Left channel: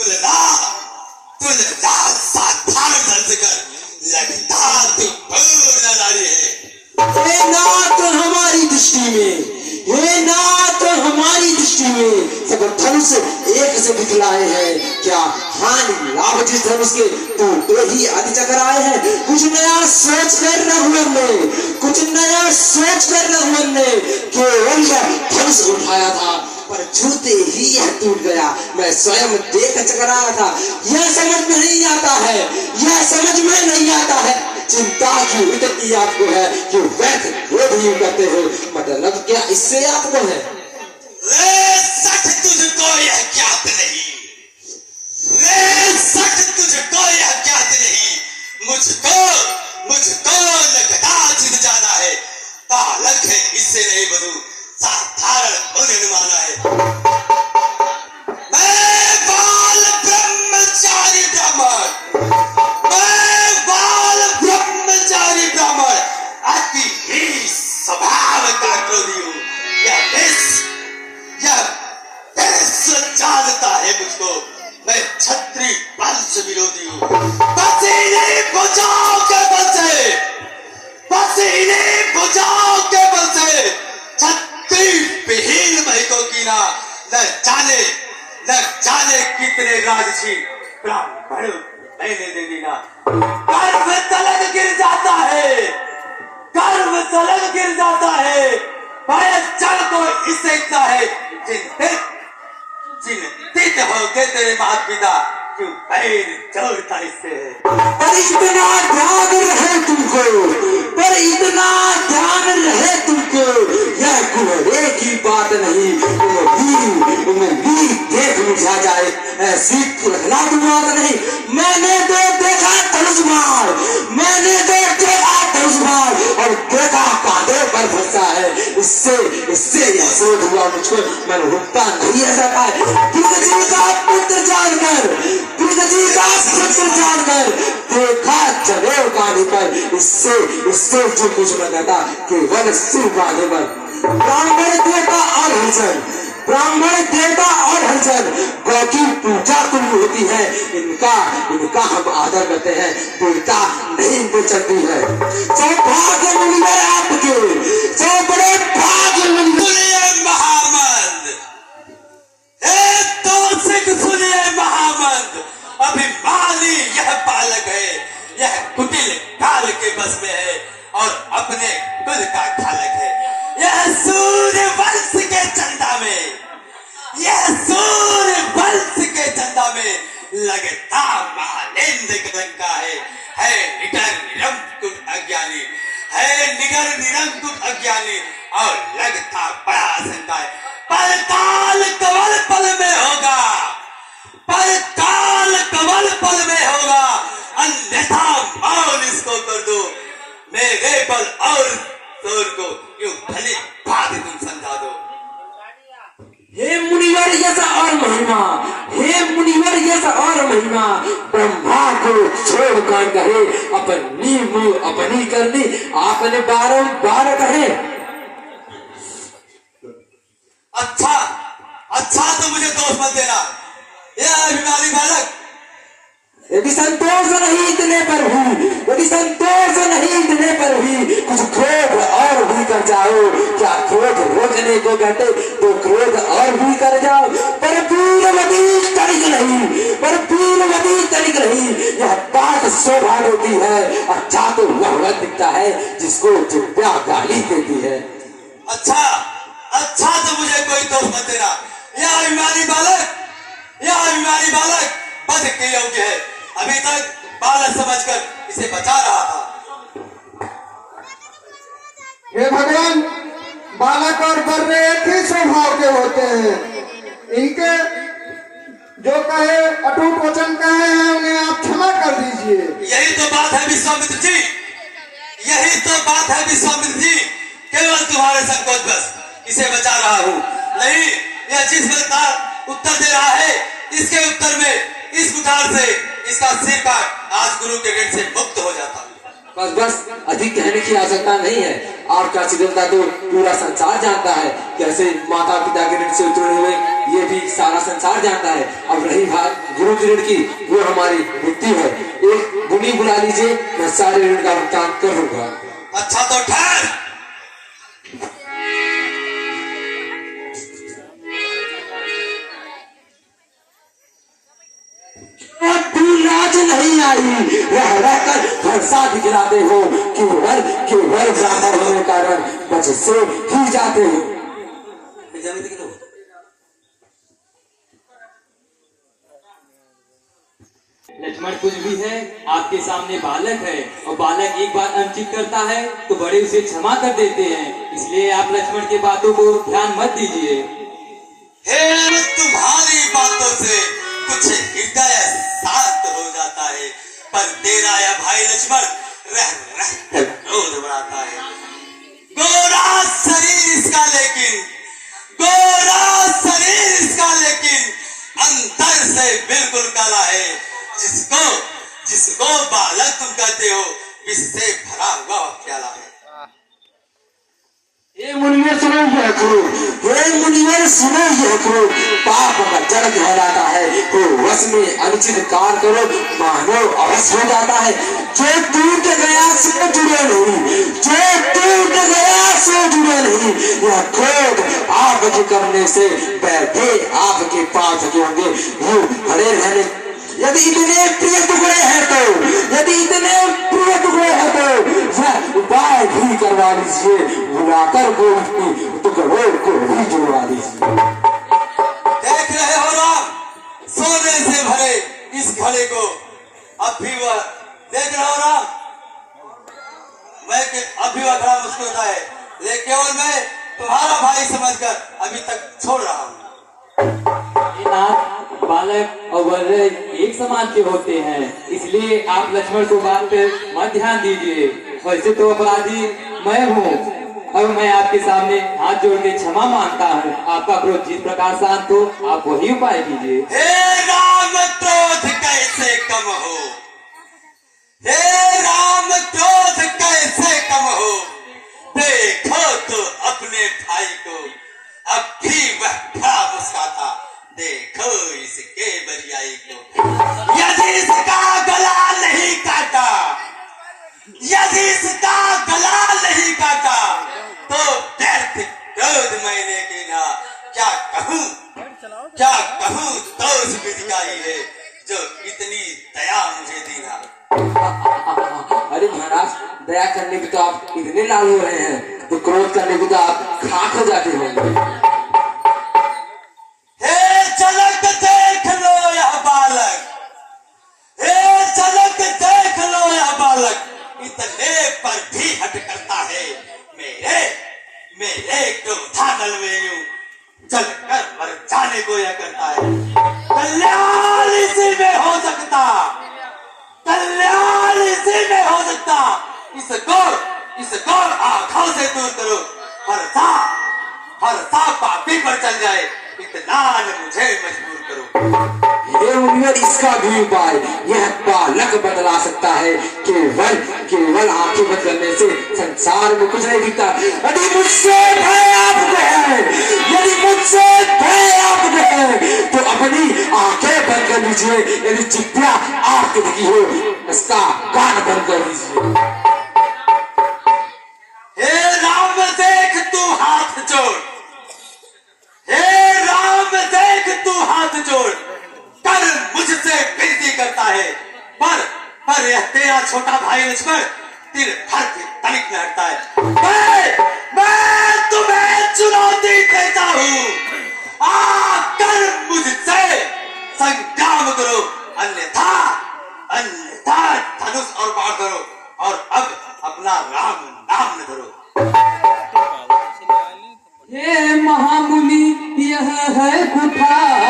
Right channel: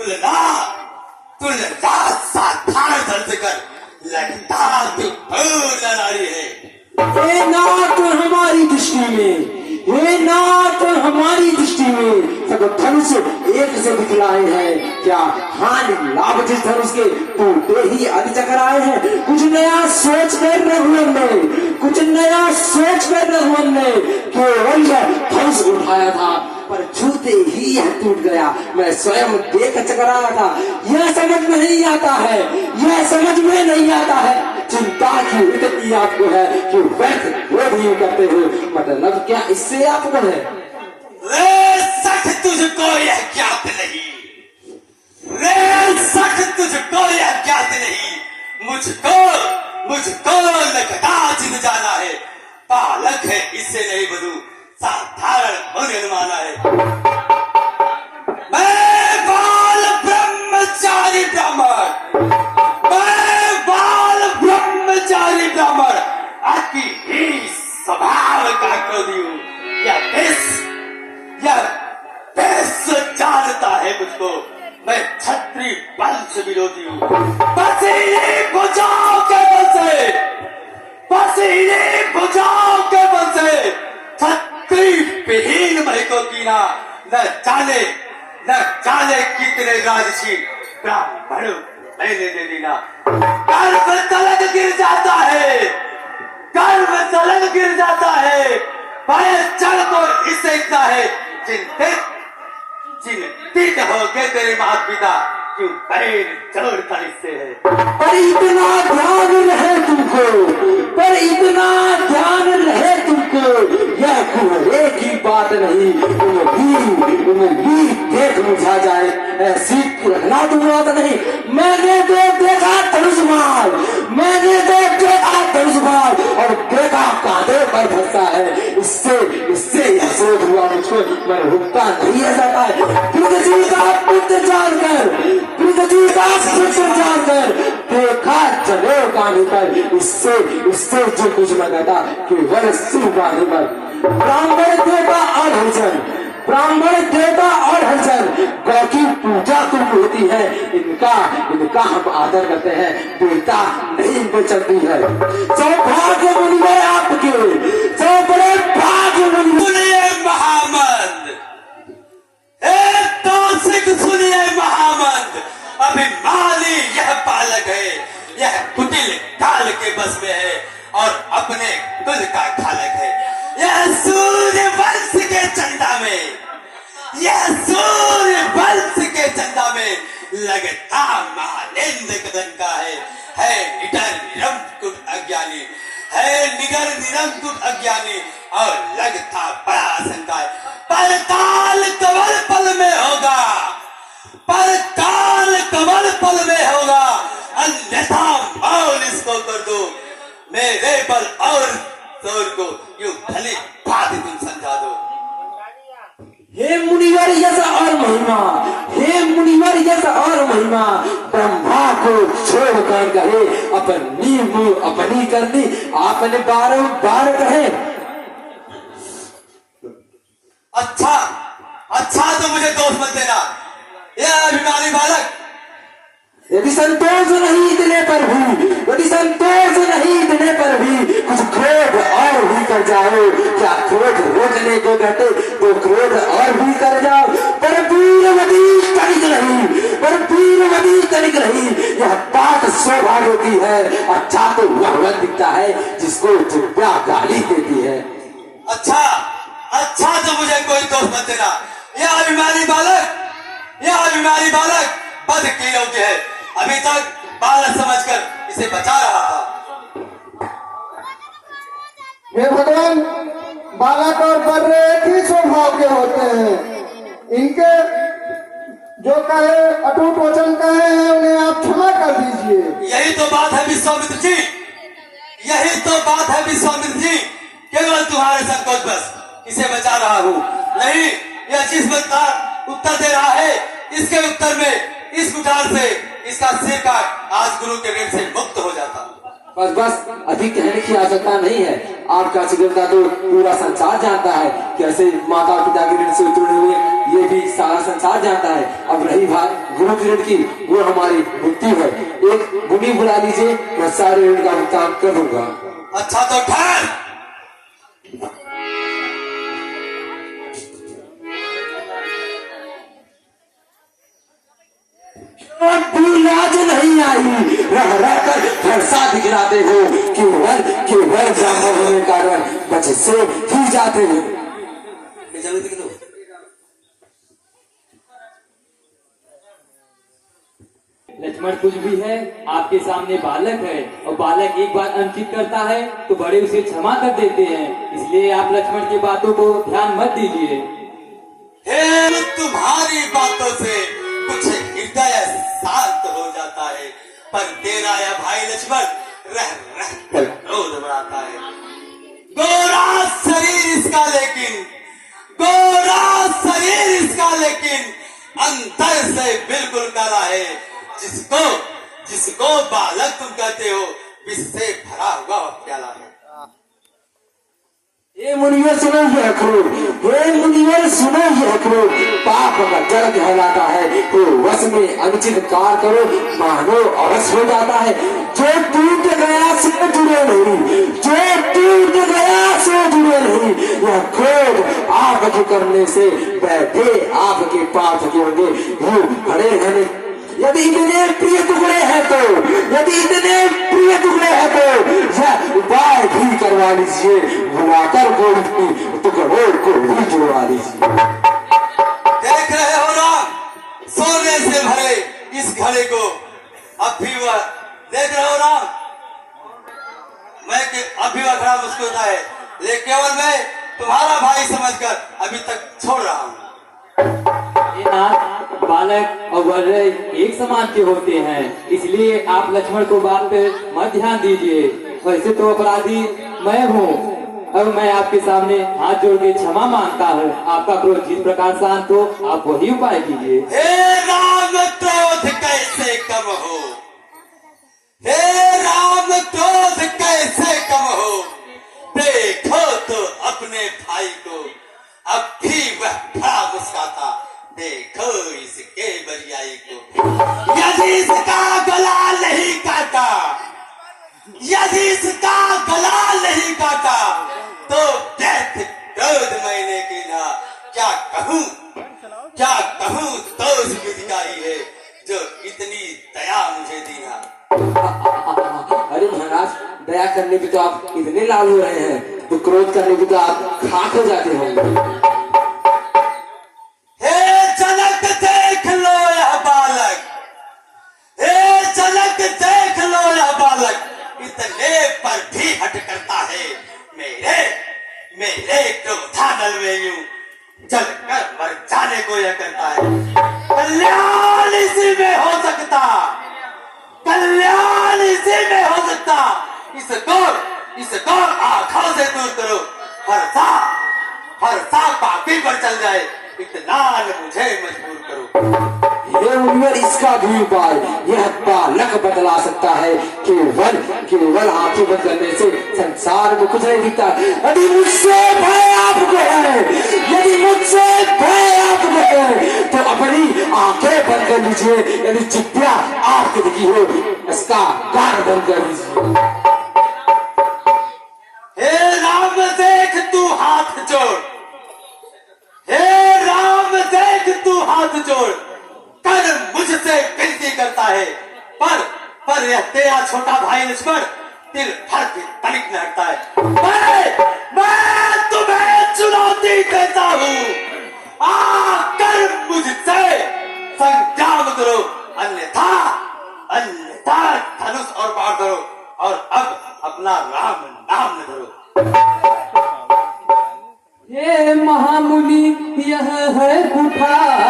तुलना तुलना साधारण दर्द कर लगता तू पूर्ण नारी है। हे नाथ हमारी दृष्टि में, हे नाथ हमारी दृष्टि में सब धनुष एक से दिखलाए हैं। क्या हानि लाभ जिस धनुष के टूटे ही आदि चक्र आए हैं। कुछ नया सोच कर रघुवन ने, कुछ नया सोच कर रघुवन ने केवल धनुष उठाया था, पर छूते ही यह टूट गया। मैं स्वयं देख कर चकर आया था। यह समझ में नहीं आता है, यह समझ में नहीं आता है। चिंता की इतनी आपको है कि व्यर्थ क्रोध ही करते हो। मतलब क्या इससे आपको है? रे सच तुझको यह ज्ञात नहीं, रे सच तुझको यह ज्ञात नहीं। मुझको लगता जिद जाना है। बालक है इससे नहीं बधू, साधारण मन माना है। मैं बाल ब्रह्मचारी ब्राह्मण, मैं बाल ब्रह्मचारी ब्राह्मण, अति ही स्वभाव का क्रोधी हूँ। यह जानता है मुझको, मैं क्षत्रिय वंश विरोधी हूँ। पसीने बुझाओ के बल से, पसीने बुझाओ के बल से क्षत्रिय विहीन महको कीना। न जाने कितने राजसी ब्राह्मण मैंने दे देना। गर्भ तलक गिर जाता है, गर्भ तलक गिर जाता है। चल तो इससे इतना है, चिंतित हो के तेरे माता पिता क्यों पैर जोड़ता इससे है। पर इतना ध्यान रहे तुमको, पर इतना ध्यान रहे तुमको, यह कुंवरे की बात नहीं। उम्मीद देख मुझा जाए, ऐसी रखना तुम बात नहीं। मैंने तो देखा धनुष मार, मैंने तो देखा धनुष मार और देखा कांधे पर भरसा है। इससे असरोध हुआ मुझको। मैं रुकता नहीं ऐसा है। जी का पुत्र जानकर, जी का पुत्र जानकर देखा जनेऊ कांधे पर। इससे जो कुछ मंगाता केवल सिर बांधे पर। ब्राह्मण देवता और हरिजन, ब्राह्मण देवता और हरिजन गौ की पूजा तुम होती है। इनका हम आदर करते हैं। देवता नहीं इनको चलती है। सौभाग्य मिले आपके, सौ बड़े भाग्य मिले। महामंद सुनिए महामंद, अभिमानी यह बालक है, यह कुटिल काल के बस में है और अपने खुद का खालक है। यह सूर्य वंश के चंदा में, यह सूर्य वंश के चंदा में लगता मालेंद्र कदम का है निडर निरंकुश अज्ञानी, है निगर निरंकुश अज्ञानी और लगता बड़ा शंका है। पर काल कवल पल में होगा, पर काल कवल पल में होगा, अन्यथा मौन इसको कर दो। मेरे बल और जोर को यूं भली बात तुम समझा दो। हे मुनिवर यश और महिमा, हे मुनिवर यश और महिमा, ब्रह्मा को छोड़ कर कहे अपनी मुंह अपनी करनी, आपने बारंबार कहे। अच्छा तो मुझे दोष मत देना, यह अभिमानी बालक। यदि संतोष नहीं देने पर भी, यदि संतोष नहीं देने पर भी कुछ क्रोध और भी कर जाओ। क्या क्रोध रोकने को कहते तो क्रोध और भी कर जाओ। पर वीरवती तनिक नहीं, पर वीरवती तनिक नहीं। यह बात सौभाग्य होती है। अच्छा तो वह दिखता है जिसको चिंता गाली देती है। अच्छा तो मुझे कोई दोष मत देना। यह अभिमानी बालक बध के योग्य है। अभी तक बालक समझकर इसे बचा रहा था। हे भगवान, बालक और बर्रे एक ही स्वभाव के होते हैं। इनके जो कहे अटूट वचन कहे हैं उन्हें आप क्षमा कर दीजिए। यही तो बात है विश्वामित्र जी, यही तो बात है विश्वामित्र जी। केवल तुम्हारे संकोच बस इसे बचा रहा हूँ। नहीं, यह जिस बात का उत्तर दे रहा है, इसके उत्तर में इस कुठार से इसका सिर काट आज गुरु के ऋण से मुक्त हो जाता। बस अधिक कहने की आवश्यकता नहीं है। आपका चित्रता तो पूरा संसार जानता है। कैसे माता पिता के ऋण से उतरने हुए ये भी सारा संसार जानता है। अब रही बात गुरु रुक ऋण की वो हमारी मृत्यु है। एक मुनि बुला लीजिए, मैं सारे ऋण का भुगतान कर दूंगा। अच्छा तो ठहर। तू लाज नहीं आई, रह रह कर फरसा दिखलाते हो, केवल ब्राह्मण होने के कारण बचे से ही जाते हो। लक्ष्मण कुछ भी है, आपके सामने बालक है, और बालक एक बात अनुचित करता है तो बड़े उसे क्षमा कर देते हैं। इसलिए आप लक्ष्मण की बातों को ध्यान मत दीजिए। हे, तुम्हारी बातों से कुछ हृदय शांत हो जाता है, पर तेरा यह भाई लक्ष्मण रह रह कर क्रोध बढ़ाता है। गोरा शरीर इसका लेकिन अंदर से बिल्कुल काला है। जिसको बालक तुम कहते हो, इससे भरा हुआ प्याला है। हे मुनिवर सुनो यह क्रोध, हे मुनिवर सुनो यह क्रोध। पाप अगर जड़ कहलाता है तो वश में अनुचित कार्य करो मानो अवश्य हो जाता है। जो टूट गया से जुड़े नहीं, जो टूट गया से जुड़े नहीं। यह क्रोध आप के करने से बैठे आपके पाप के होंगे, यूं खड़े रहने। यदि इतने प्रिय टुकड़े हैं तो यह उपाय भी करवा लीजिए, बुलाकर कोई टुकड़ों को भी जुड़वा लीजिए। देख रहे हो राम, सोने से भरे इस घड़े को अब भी वह देख रहे हो राम, अब भी वह घड़ा मुस्कुराता है, लेकिन केवल मैं तुम्हारा भाई समझकर अभी तक छोड़ रहा हूँ। बालक और वर एक समान के होते हैं, इसलिए आप लक्ष्मण को बात पर मत ध्यान दीजिए। वैसे तो अपराधी मैं हूँ, और मैं आपके सामने हाथ जोड़ के क्षमा मांगता हूँ। आपका क्रोध जिस प्रकार शांत हो, आप वही उपाय कीजिए। हे राम, क्रोध कैसे कम हो, हे राम, क्रोध कैसे कम हो। देखो तो अपने भाई को, अब भी वह खड़ा मुस्कुराता, देखो इसके बरियाई को। यदि इसका गला नहीं काटा, यदि इसका गला नहीं काटा, तो व्यर्थ क्रोध मैंने किया। क्या कहूँ तो उस विधिकाई है जो इतनी दया मुझे दीना। अरे महाराज, दया करने भी तो आप इतने लाल हो रहे हैं, तो क्रोध करने भी तो आप खाक हो जाते होंगे। झलक देख लो यह बालक, झलक देख लो यह बालक, इतने पर भी हट करता है। मेरे क्रोधानल में यूं जल कर मर जाने को यह करता है। कल्याण इसी में हो सकता, कल्याण इसी में हो सकता। इसको आंखों से दूर करो, फरसा पापी पर चल जाए, इतना मुझे मजबूर करो। हे मुनिवर, इसका भी उपाय यह बालक बदला सकता है। केवल आंखें बंद करने से संसार में कुछ नहीं दिखता। यदि मुझसे भय आपको है, यदि मुझसे भय आपको है, तो अपनी आंखें बंद कर लीजिए। यदि चित्या आपकी दिखी हो, इसका कान बंद कर लीजिए। हे राम, देख तू हाथ जोड़, हे राम, देख तू हाथ जोड़ कर मुझसे विनती करता है, पर यह तेरा छोटा भाई लक्ष्मण तिर भर के तनिक में हटता है। मैं तुम्हें चुनौती देता हूँ, आकर मुझसे संग्राम करो, अन्यथा धनुष और बाण करो, और अब अपना राम नाम न धरो। हे महामुनि, यह है कुठार,